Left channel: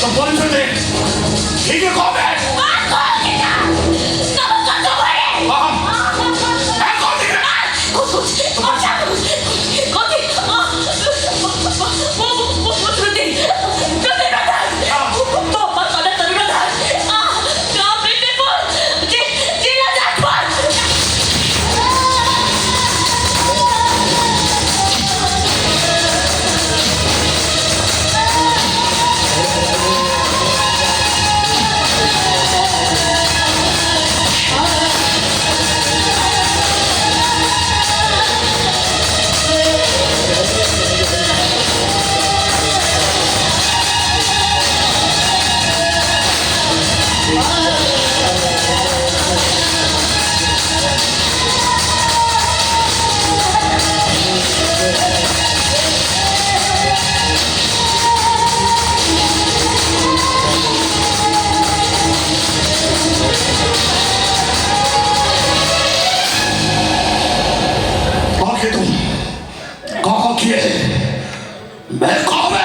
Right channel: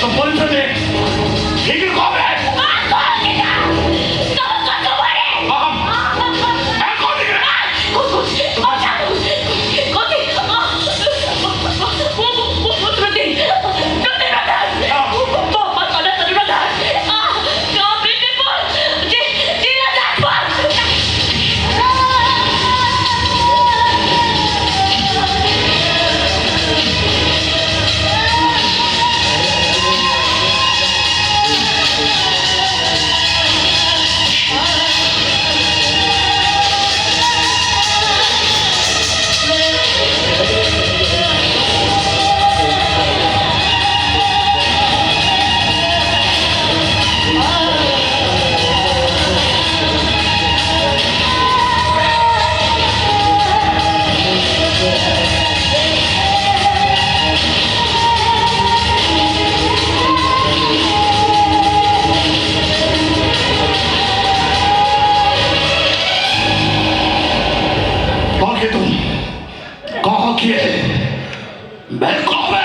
너 뭔 소리야? 이게 뭐래? 거기에 매콤해.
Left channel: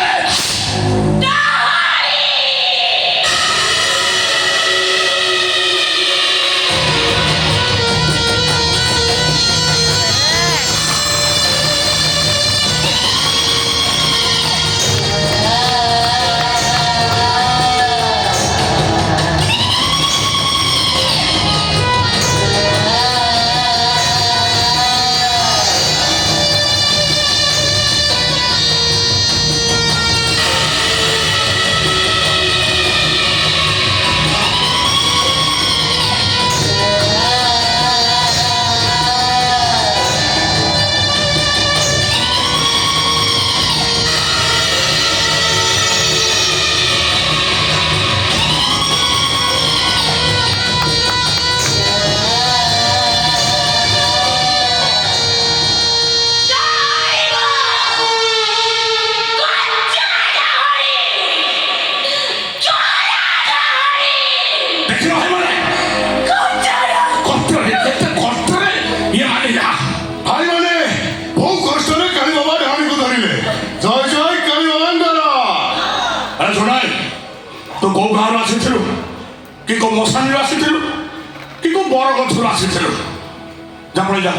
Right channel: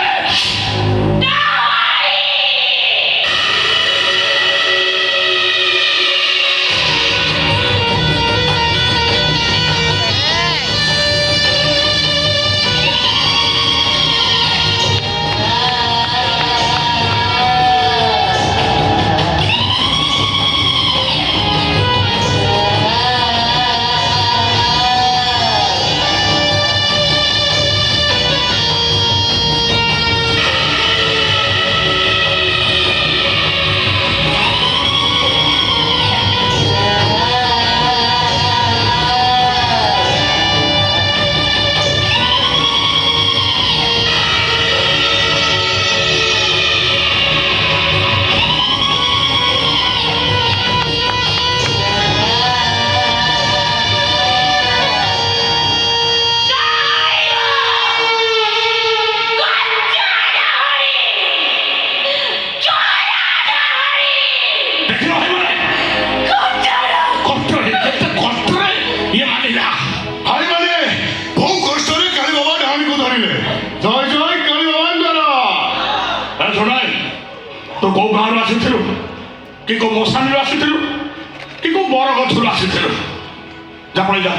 Kiko mau sambil asik dulu, Kiko borong dulu asik dulu. Jangan boleh jah,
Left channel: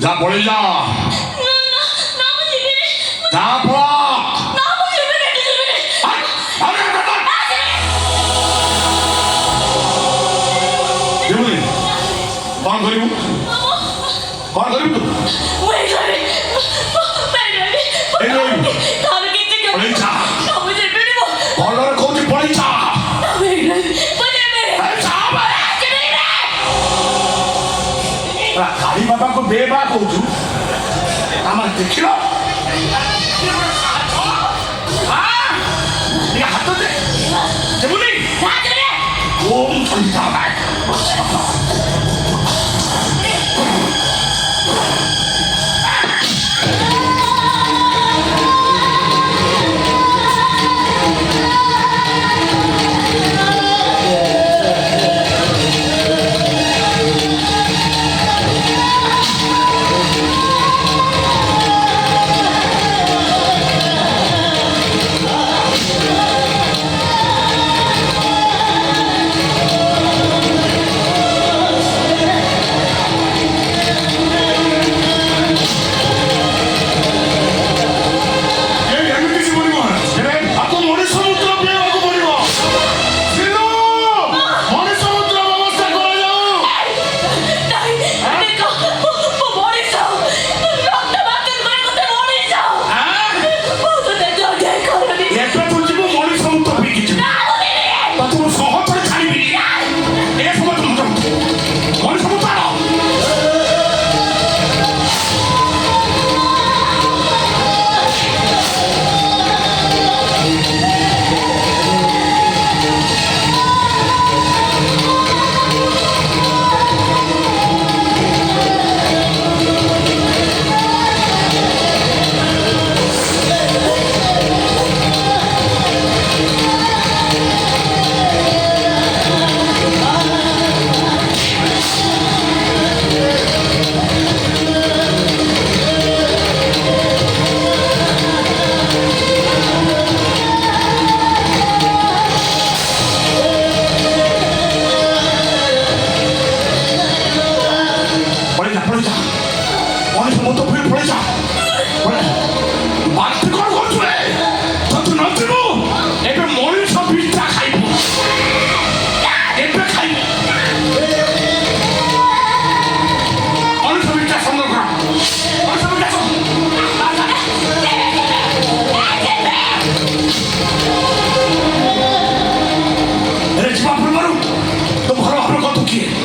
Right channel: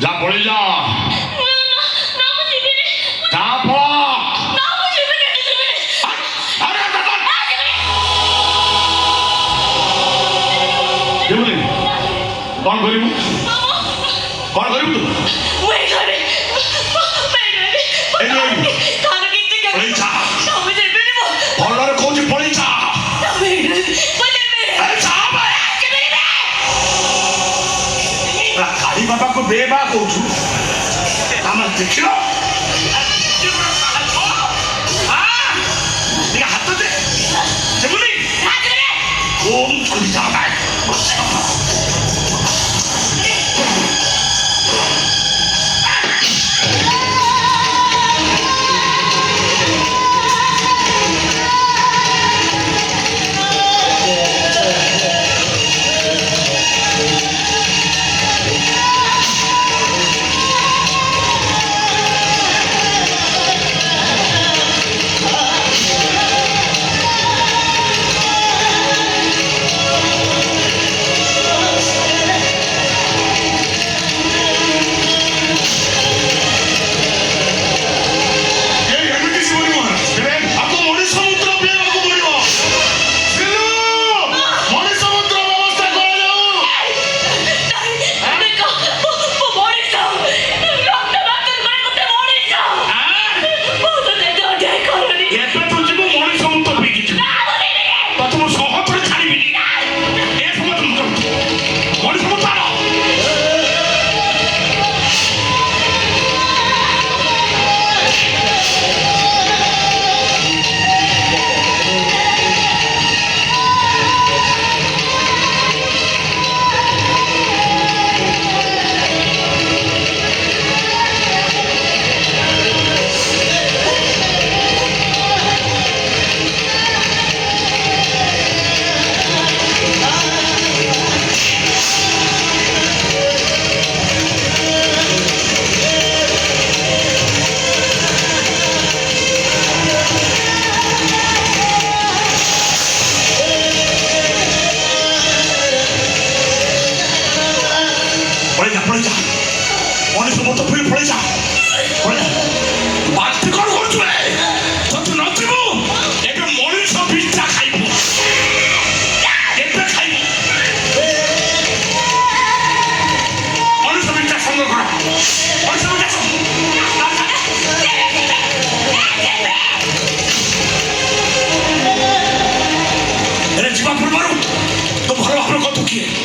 jangan boleh jah. Nama sini. Apa? Nama sini. Ada apa? Gimana? Kau garibu? Kau garibu tu? Wei gari. Ini. Kalau kita jangan. Boleh jah. Nama sini ni. Kalau kau je boleh jah. Ali Baba को बेबा को तू नाम देखियो हाँ ये हाथ दे जमुनी ओम चली जाता है